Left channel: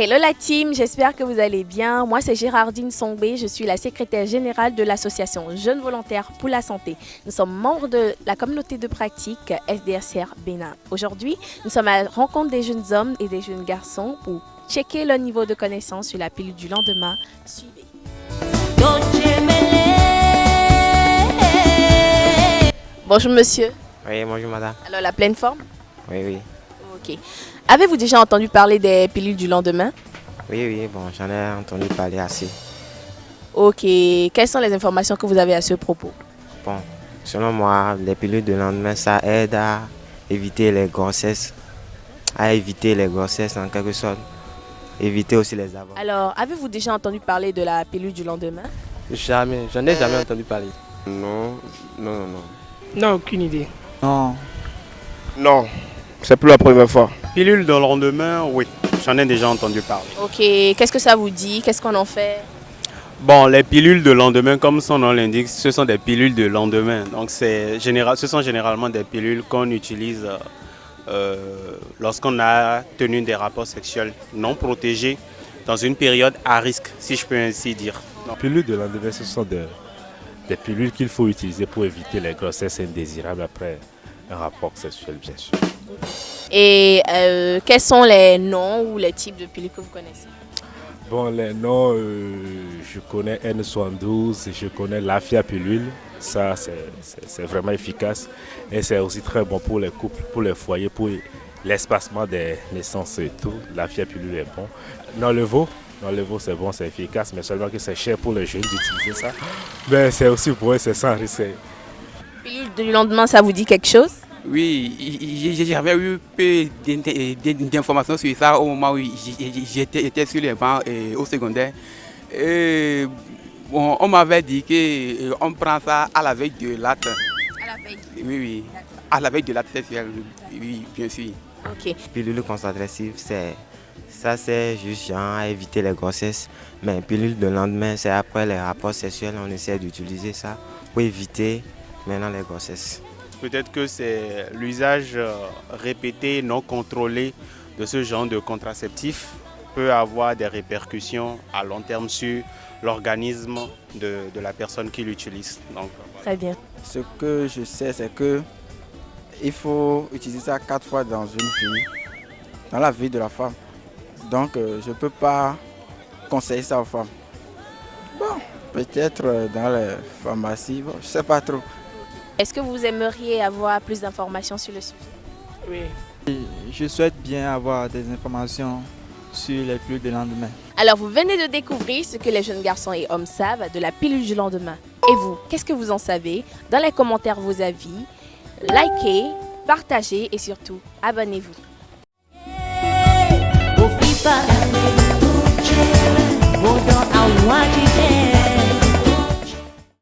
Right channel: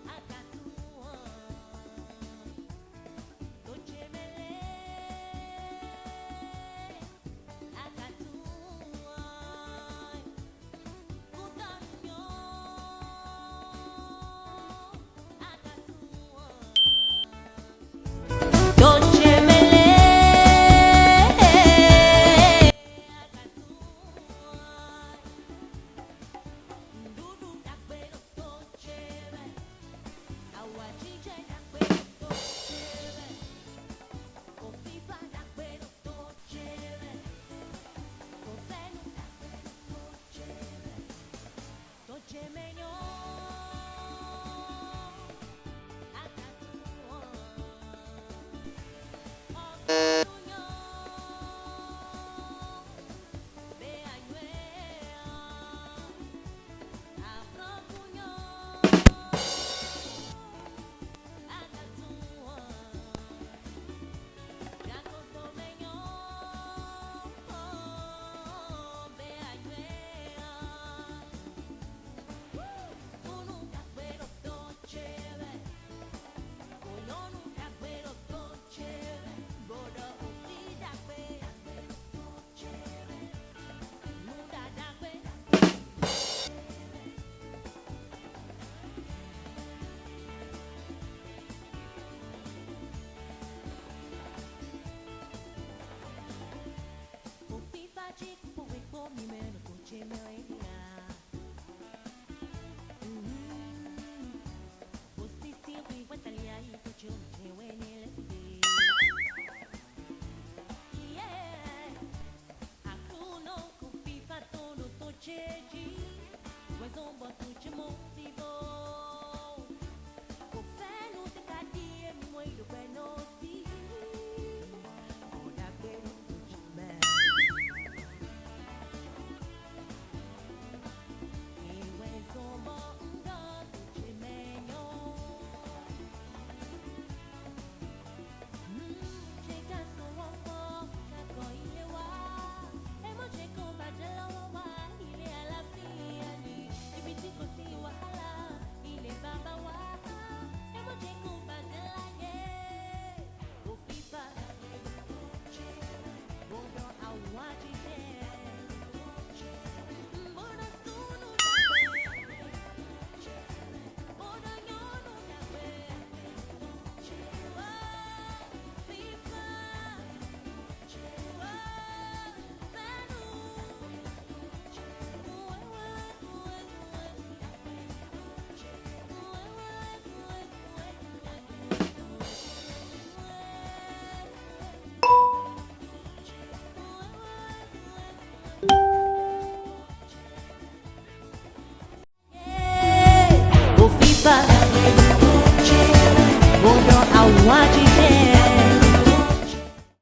Hello la team, j'espère que vous allez bien. Moi c'est Gérardine Songbe, je suis la secrétaire générale de l'association Jeunes Volontaires pour la Santé. Nous sommes membres de la communauté de pratique SDRCR Bénin. Aujourd'hui, nous sommes à la rencontre des jeunes hommes et des jeunes garçons pour checker leur niveau de connaissance sur la pilule du lendemain. Bonjour monsieur. Oui, bonjour madame. Alors la pleine forme? Oui, oui. Ok. Avez-vous déjà entendu parler des pilules du lendemain? Oui, oui, bon, j'en ai entendu parler assez. Ok. Quelles sont les informations que vous avez à ce propos? Bon, selon moi, les pilules du lendemain, ça aide à éviter les grossesses. En quelque sorte. Éviter aussi les avortements. Alors, avez-vous déjà entendu parler de la pilule du lendemain? Jamais, j'en ai jamais entendu parler. Non. Non, aucune idée. Non, c'est plus la première fois. Pilule de lendemain, oui, j'en ai déjà entendu parler. Ok, qu'est-ce que ça vous dit? Qu'est-ce qu'on en fait? Bon, les pilules de lendemain, comme son nom l'indique, ce sont des pilules de lendemain. Donc ce sont généralement des pilules qu'on utilise lorsqu'on a tenu des rapports sexuels non protégés dans une période à risque, si je peux ainsi dire. Les pilules de lendemain, ce sont des pilules qu'il faut utiliser pour éviter les grossesses indésirables après un rapport sexuel, bien sûr. Et quels sont les noms ou les types de pilules que vous connaissez? Bon, les noms, je connais N72, je connais l'Afia pilule. Ça, c'est vraiment efficace. Et c'est aussi très bon pour les couples, pour les foyers, pour l'espacement des naissances et tout. L'Afia pilule est bon. Non, le veau, c'est bon, c'est efficace, mais seulement que c'est cher pour les jeunes d'utiliser ça. Mais c'est aussi bon et c'est sans risque. Pilule du lendemain, ça vous dit quelque chose? Oui, j'avais eu peu d'informations sur ça au moment où j'étais sur les bancs au secondaire. Et, bon, on m'avait dit qu'on prend ça à la veille de l'acte. À la veille? Oui, à la veille de l'acte sexuel, oui, bien sûr. Ok. Pilule contraceptive, ça c'est juste genre à éviter les grossesses. Mais pilule de lendemain, c'est après les rapports sexuels, on essaie d'utiliser ça pour éviter maintenant les grossesses. Peut-être que c'est l'usage répété, non contrôlé de ce genre de contraceptif peut avoir des répercussions à long terme sur l'organisme de la personne qui l'utilise. Donc, Très bien. Ce que je sais, c'est que il faut utiliser ça 4 fois dans une vie, dans la vie de la femme. Donc, je ne peux pas conseiller ça aux femmes. Bon, peut-être dans les pharmacies, bon, je ne sais pas trop. Est-ce que vous aimeriez avoir plus d'informations sur le sujet? Oui. Je souhaite bien avoir des informations sur les pilules de lendemain. Alors, vous venez de découvrir ce que les jeunes garçons et hommes savent de la pilule du lendemain. Et vous, qu'est-ce que vous en savez? Dans les commentaires, vos avis. Likez, partagez et surtout, abonnez-vous. Au FIFA,